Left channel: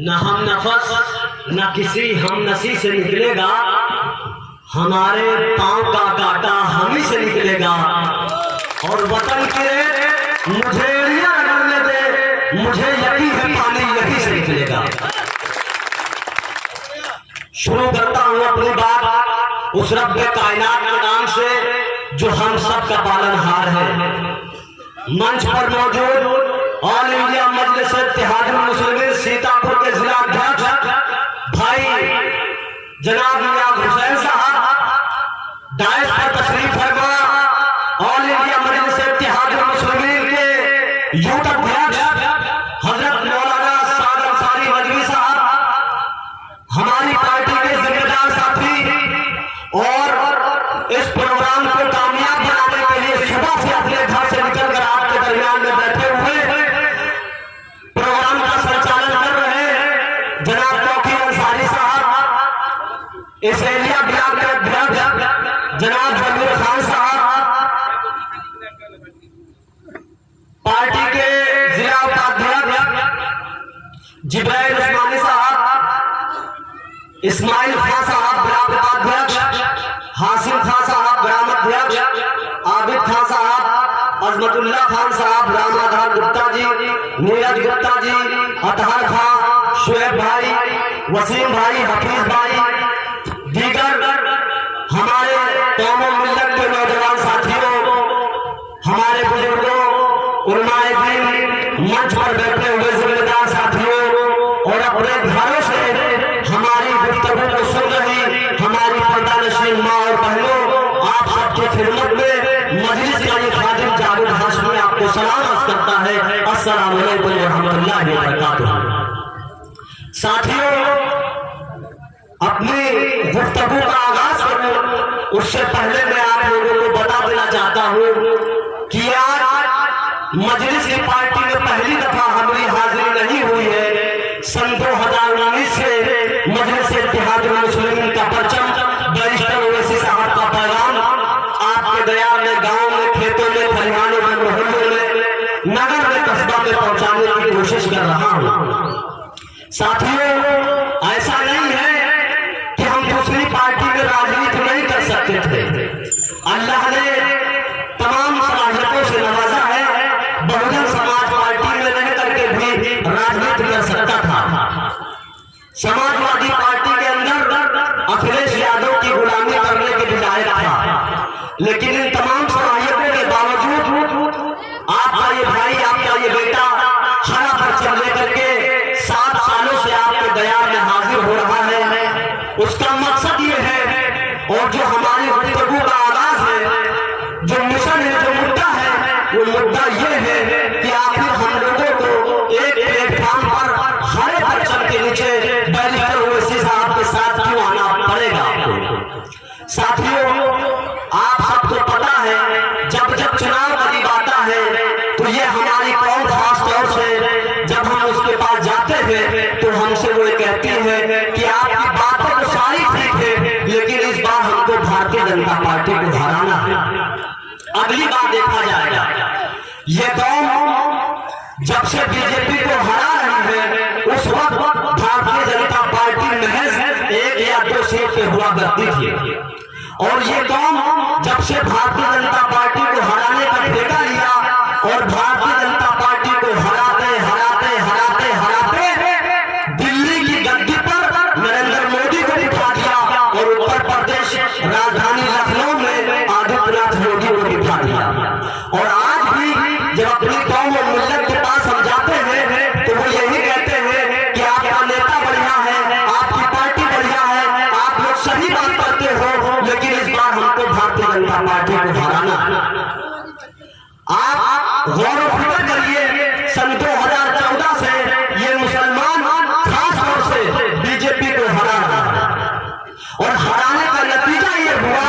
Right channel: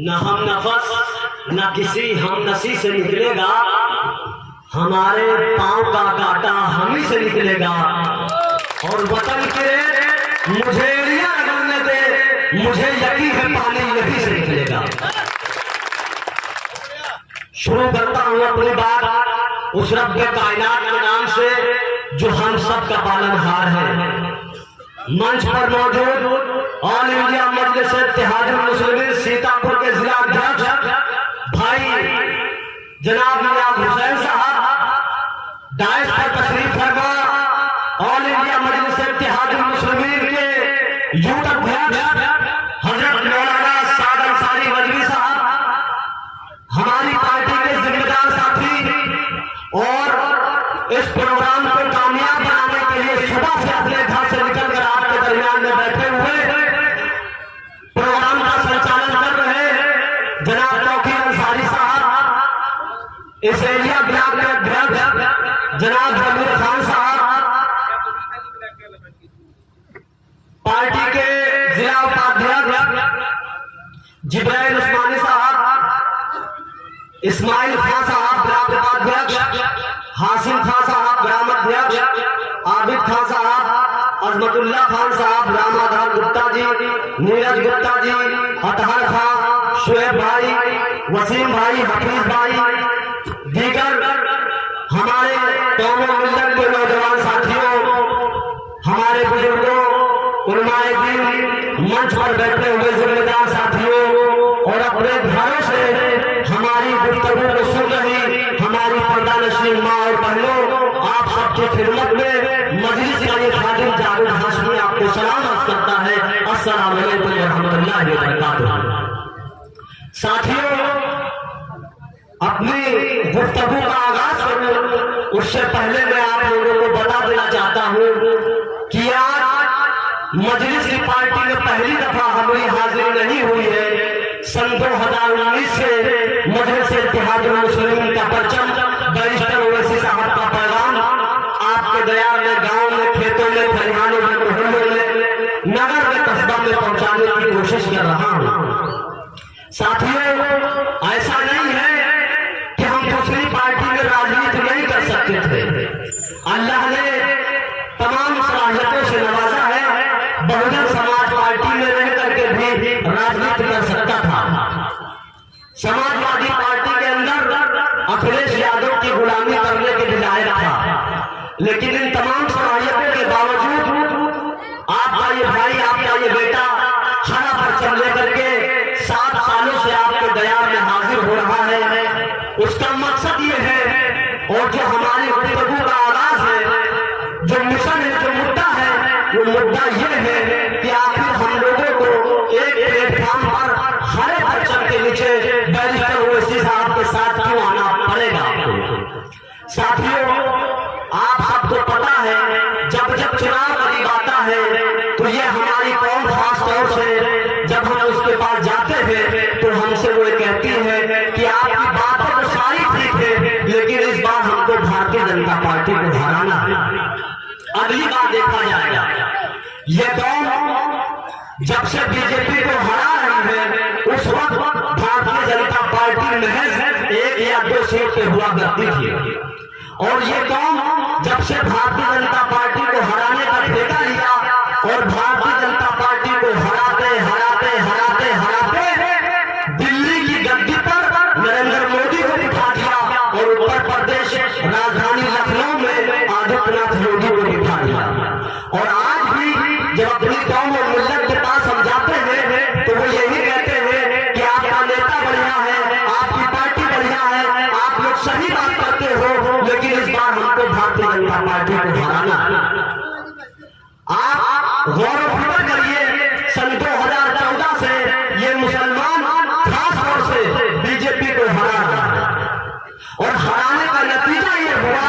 न हम नफस न किसी हम नसी से निकलेगा, हमारे पांव का कांटा हम ही से निकलेगा। और वतन के मुझेड़ियां लगने दे, मुझे यकीन है पानी यही से निकलेगा। शुरू करता हूं अपनी बात उस रब्बे कायनात के नाम से जो हम सब का पालनहार है। मंच पर मौजूद ऑल इंडिया मजलिस इत्तेहादुल मुस्लिमीन सीतापुर के जिला अध्यक्ष भाई जनाब नियाज हुसैन साहब, दाइश पर तशरीफ फरमा ऑल इंडिया मजलिस इत्तेहादुल मुस्लिमीन के यूथ अध्यक्ष हजरत मौलाना साद अंसारी मजवी साहब, हमारी पार्टी के जिम्मेदार साथी, और इस प्रोग्राम को कामयाब बनाने के लिए सुबह से अपने घर से निकलकर आपके दरमियान में बैठे हुए प्रोग्राम का संचालन कर रहे हैं जनाब तौकीर अंसारी साहब, इस एरिया ब्लॉक के अध्यक्ष जनाब जमीर खान साहब, पार्टी के जिला उपाध्यक्ष जिब्राइल उस्मानी साहब, इस्माइल खान साहब ब्लॉक उपाध्यक्ष, हासिम खान साहब ग्राम अध्यक्ष, आबिद खान साहब, अजमतुल्लाह खान साहब, रामाधार गुप्ता जी, नीरज गुप्ता जी, अतहर खान, शुएब भाई, वसीम भाई, हफीज भाई, दीगर हमारे कौम मिल्लत के नौजवान साथियों, हमारे बुजुर्गों, उलमाए दीन, मंच पर बैठे हुए जिम्मेदार साथियों, और अपने घरों से हमारी गुफ्तगू को सुन रही हमारी पर्दानशीन माँ और बहनों, आप सबकी खिदमत में मजलिस का ये खादिम जावेद हाशमी आपको सलाम अर्ज करता है। अस्सलाम वालेकुम व रहमतुल्लाहि व बरकातुहू। साथियों, अपनी गुफ्तगू का आगाज करूं उससे पहले मैं आप लोगों को बता देना चाहता हूं कि आज मजलिस की पार्टी में पहली दफा हमारी हाजिरी नहीं हुई है। सन 2019 से मजलिस इत्तेहादुल मुस्लिमीन का परचम, बैरिस्टर ओवैसी साहब का पैगाम आपके दया में, गांव में, खेतों में, खलिहानों में, मोहल्लों में, नगर में, कस्बा में पहुंचाने की कोशिश कर रहा हूं। साथियों, ऐसा नहीं है कि हम दूसरी पार्टी में राजनीति नहीं कर सकते थे। अल्लाह ने तमाम सलाहियतों से नवाजा है। बहुजन समाज पार्टी में रह करके भी राजनीति कर सकता था। समाजवादी पार्टी के अंदर अखिलेश यादव की गुलामी करने के लिए था, लेकिन इन तमाम सलाहियतों के बावजूद आपका ये भाई, आपका ये बेटा खाना परचम लेकर के 7 सालों से आपके दया में हाजिर हो रहा है। उसका मकसद ये है, और जो हमारी गुफ्तगू का आगाज है, जो मिशन है, जो मुद्दा है, वो मुद्दा ये है कि आखिर हम लोगों को एक प्लेटफॉर्म पर हरे परचम के नीचे बैरिस्टर ओवैसी साहब के साथ क्यों आना पड़ेगा आपको। साथियों, आप सबको पता है, जब जब चुनाव करीब आता है तो ये हमारी कौम खास तौर से जब हम उसके पास जाते हैं तो हमसे वो कहती है कि आपकी बातें तो सारी ठीक है, लेकिन इस बार हमको भारतीय जनता पार्टी को हराना है, अगली बार देखा जाएगा। ये कौम जब से बीजेपी को हरा रही है उस वक्त भारतीय जनता पार्टी महज 1 या 2 सीट पे हुआ करती थी, और ये कौम जब से भारतीय जनता पार्टी को हराने का ठेका लिया और भारतीय जनता पार्टी को हराते हराते हराते हराते दिल्ली की गद्दी पर नरेंद्र मोदी को बिठा दिया, और उत्तर प्रदेश राजधानी लखनऊ में आदित्यनाथ मोदी को बिठा दिया। और आज भी जब अपनी कौम और मिल्लत के पास हम जाते हैं तो वो यही कहते हैं कि आपका नेता बढ़िया है, आपकी पार्टी बढ़िया है, आप लोग सही बात करते हो, लेकिन इस बार हमको भारतीय जनता पार्टी को हराना। आप गौर फिक्र करिए, सन 2014 से ये मुसलमान खास तौर से बीजेपी को हरा रहा है, और हराने का नतीजा ये हुआ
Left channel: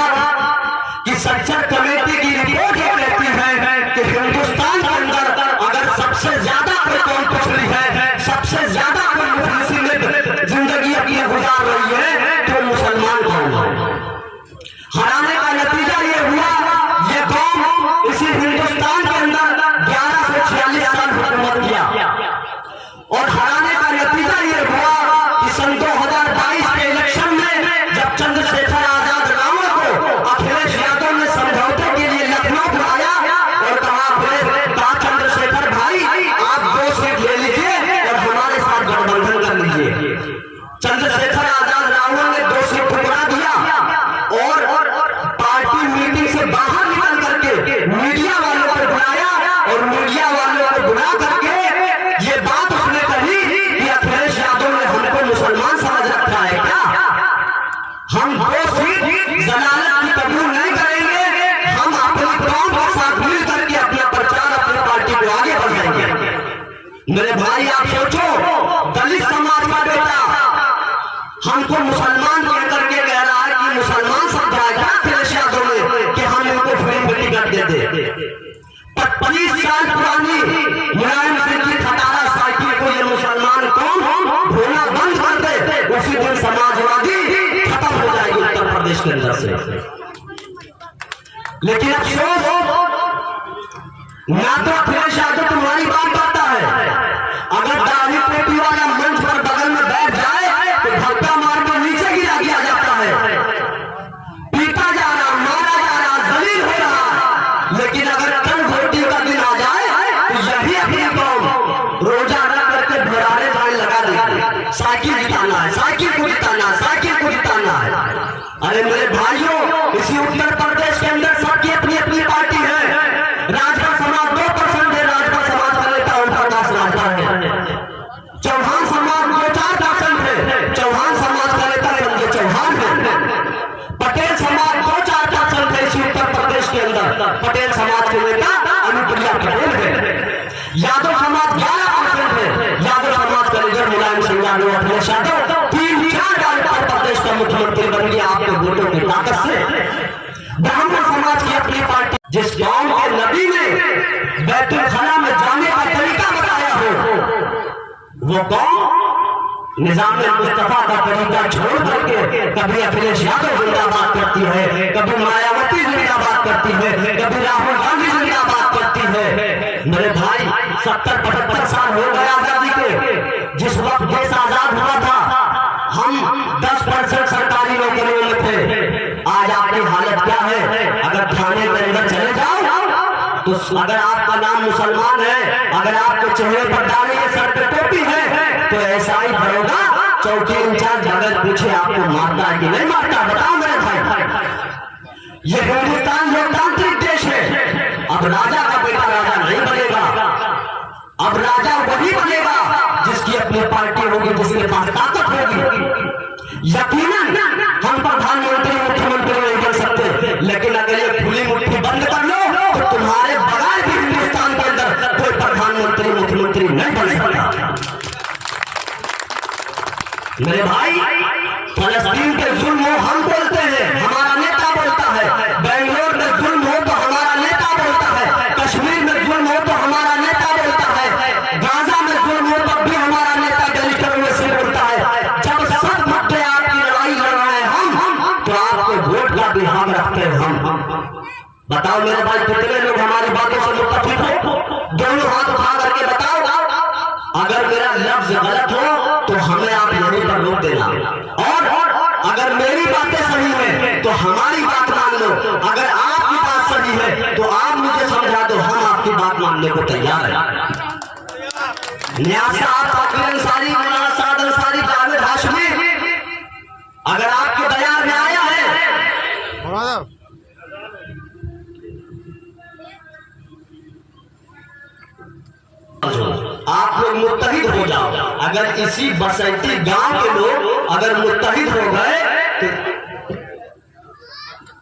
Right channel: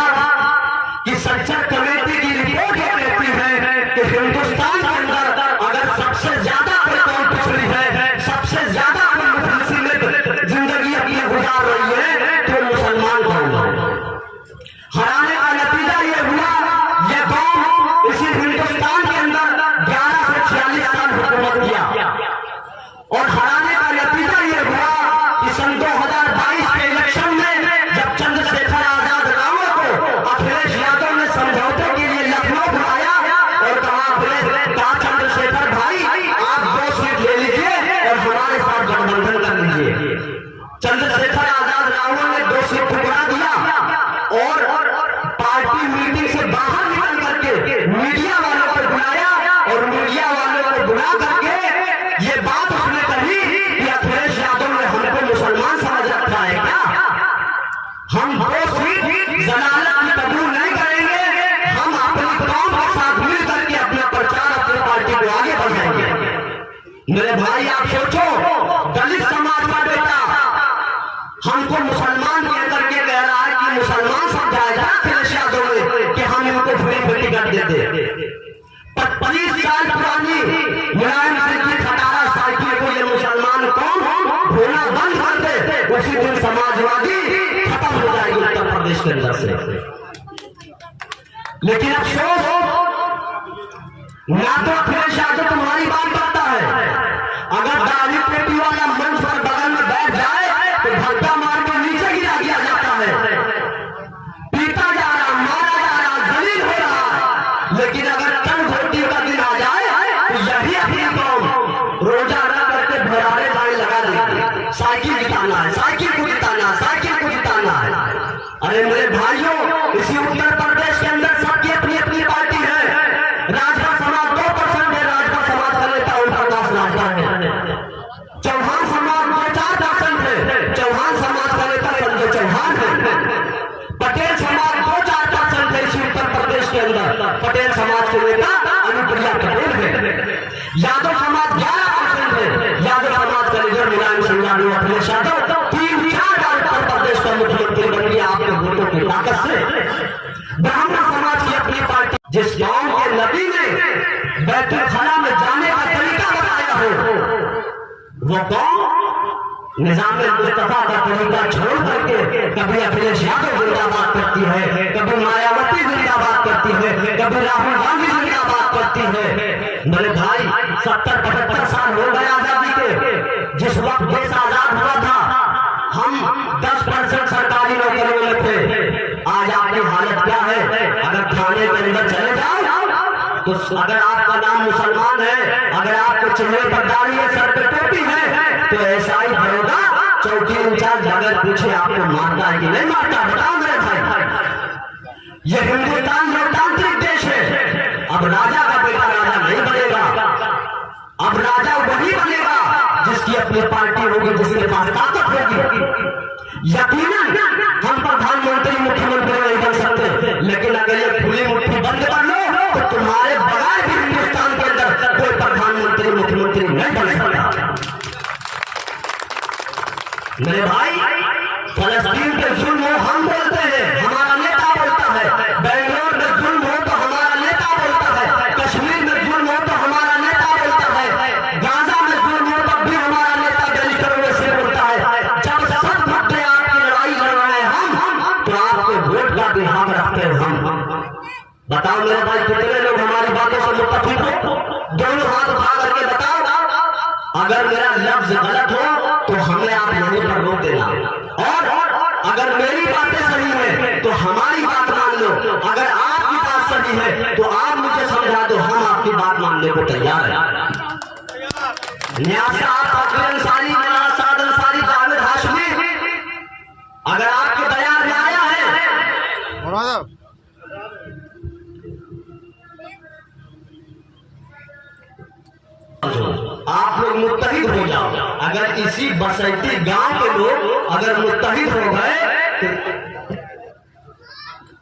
कि संसद कमेटी की रिपोर्ट ये कहती है कि हिंदुस्तान के अंदर अगर सबसे ज्यादा कोई कौम पिछड़ी है, सबसे ज्यादा कोई मुफलिसी में जिंदगी अपनी गुजार रही है, तो मुसलमान कौम है। हराने का नतीजा ये हुआ, ये कौम इसी हिंदुस्तान के अंदर 11 से 46 साल हुकूमत किया, मीडिया वालों को बुला करके ये बात उसने कही कि अखिलेश यादव ने हमको मुसलमान समझ रखा है क्या? हम वो सीट जलालत में कबूल नहीं करेंगे, हम अपनी कौम के साथ मिल करके अपना प्रचार अपनी पार्टी को आगे बढ़ाएंगे। मेरे भाई आप सोचो, दलित समाज का बेटा हमको मुसलमान कह करके कह रहा है कि मुसलमान समझाएगा अखिलेश यादव ने कि हम इनको फ्री में टिकट देते। 25 साल पुरानी मुलायम सिंह की खटारा साइकिल को ये मुसलमान कौन होना बंद कर दे, उसी दिन समाजवादी खत्म हो जाएगी उत्तर प्रदेश के अंदर से। लेकिन अफसोस, ना तो अखिलेश यादव तुम्हारी बात करता है, अगर दाढ़ी टोपी वाला मंच पर बगल में बैठ जाए तो धक्का मार के नीचे गिरा दिया जाता है, पीटा जा रहा, मारा जा रहा, जलील हो रहा। लेकिन अगर कल वोटिंग का दिन आ जाए तो यही अपनी कौम रोजा रख करके भरारे भाई लगा देगी, साइकिल जिताना है, साइकिल को जिताना है, साइकिल को जिताना है। अरे मेरे भाइयों, इसी उत्तर प्रदेश के अंदर सबकी अपनी अपनी पार्टी है। राजभर समाज 2% है, राजभर समाज का नेता उनका पास रहता है। चौहान समाज 2-4% है, चौहान समाज का नेता संजय चौहान है। पटेल समाज 2-4% है इसी उत्तर प्रदेश के अंदर, पटेल समाज के नेता अनुप्रिया पटेल है। यादव समाज 11% है, यादव समाज का लीडर मुलायम सिंह यादव, अखिलेश यादव 3-4 बार उत्तर प्रदेश का मुख्यमंत्री बन गया आपके वोटों की ताकत से। ब्राह्मण समाज की अपनी पार्टी, जिस गांव के नबी ने बैतुल खला में जाने का तरीका बताया हो, वो कौन निजाम मुस्तफा का तरीका छोड़ करके कभी अखिलेश यादव जिंदाबाद करती है, कभी मायावती जिंदाबाद करती है, कभी राहुल गांधी जिंदाबाद करती है। मेरे भाई 70-75 साल हो गए आजादी के। जिस वक्त देश आजाद हुआ था हम 10% सरकारी नौकरियों में थे। आज आपकी हालत क्या है? अगर थाने के अंदर चले जाओ तो अगर आपका नाम मुसलमान है, अगर आपके चेहरे पर दाढ़ी है, सर पे टोपी है, तो एसआई दरोगा चौकी इंचार्ज अगर पूछे आपको मारता है कि नहीं मारता, बताओ मेरे भाई। ये हिंदुस्तान लोकतांत्रिक देश है। अब राजा का बेटा राजा नहीं बनेगा, अब राजा वही बनेगा जिसकी अपनी पार्टी होगी, जिसके पास ताकत होगी। यकीनन हम प्रधानमंत्री मुख्यमंत्री नहीं बन सकते, लेकिन अगर ये खुली मुट्ठी बंद कर लो तो तुम्हारे बगैर भी हिंदुस्तान के अंदर कोई प्रधानमंत्री मुख्यमंत्री नहीं बन सकता। मेरे भाई, फलस्तीन पे जुल्म हो हम बोलते हैं, हमारा नेता बोलता है। बेंगलोर में जुल्म हो तो हमारा नेता बोलता है। कश्मीर में जुल्म हो तो हमारा नेता बोलता है। गाजा में जुल्म हो तब भी हमारा नेता गली से बोलता है। जब सब मुद्दे आपकी लड़ाई लड़ रहे हैं हम, तो आपको वोट का भी हम रखते हैं हम। बताओ मेरे भाई, कितने लोग हमारी बातों से मुत्तफिक हो? दोनों हाथ उठा करके बताओ। अगर मेरा लफ्ज गलत हो तो हमें आप यहीं पर रोक देना, और अगर मेरी बातें सही है तो हमारी बात मान लो। अगर आपकी बात सही है तो आप मुझे समझा दो, हम आपकी बात मानने को तैयार हैं। न्याज साहब, फकीर अंसारी, न्याज साद अंसारी, जावेद हाशमी, अगर आपके बयान में आया है आप लोग मुत्तहिद हो जाओ। अगर इसी बसंती गांव के लोग अगर मुत्तहिद हो गए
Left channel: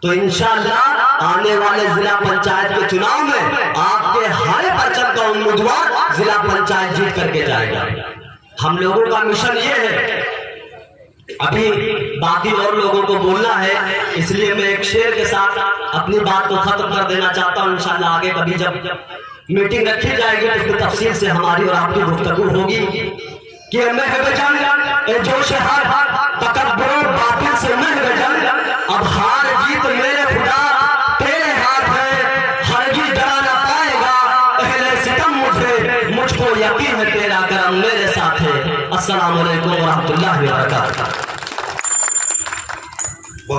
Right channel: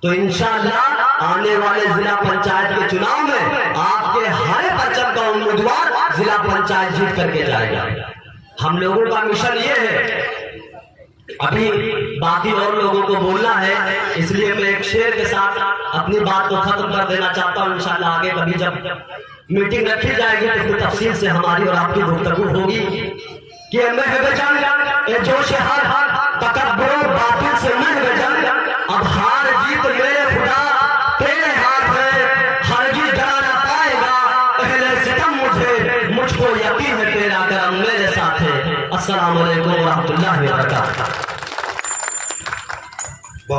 तो इंशाअल्लाह आने वाले जिला पंचायत के चुनाव में आपके हर पर्चन का उम्मीदवार जिला पंचायत जीत करके जाएगा। हम लोगों का मिशन ये है। अभी बाकी और लोगों को बोलना है, इसलिए मैं एक शेर के साथ अपनी बात को खत्म कर देना चाहता हूँ। इंशाअल्लाह आगे कभी जब मीटिंग रखी जाएगी तो उसमें तफसील से हमारी और आपकी गुफ्तगू होगी कि जोश हार तकब्बुर बातिल से महबजन, अब हार जीत मेरे खुदा तेरे हाथ है, हरगिज़ डरा ना पाएगा अहले सितम मुझे, मुझको यकीन है तेरा करम मेरे साथ है। अस्सलाम वालेकुम व रहमतुल्लाहि व बरकातहू।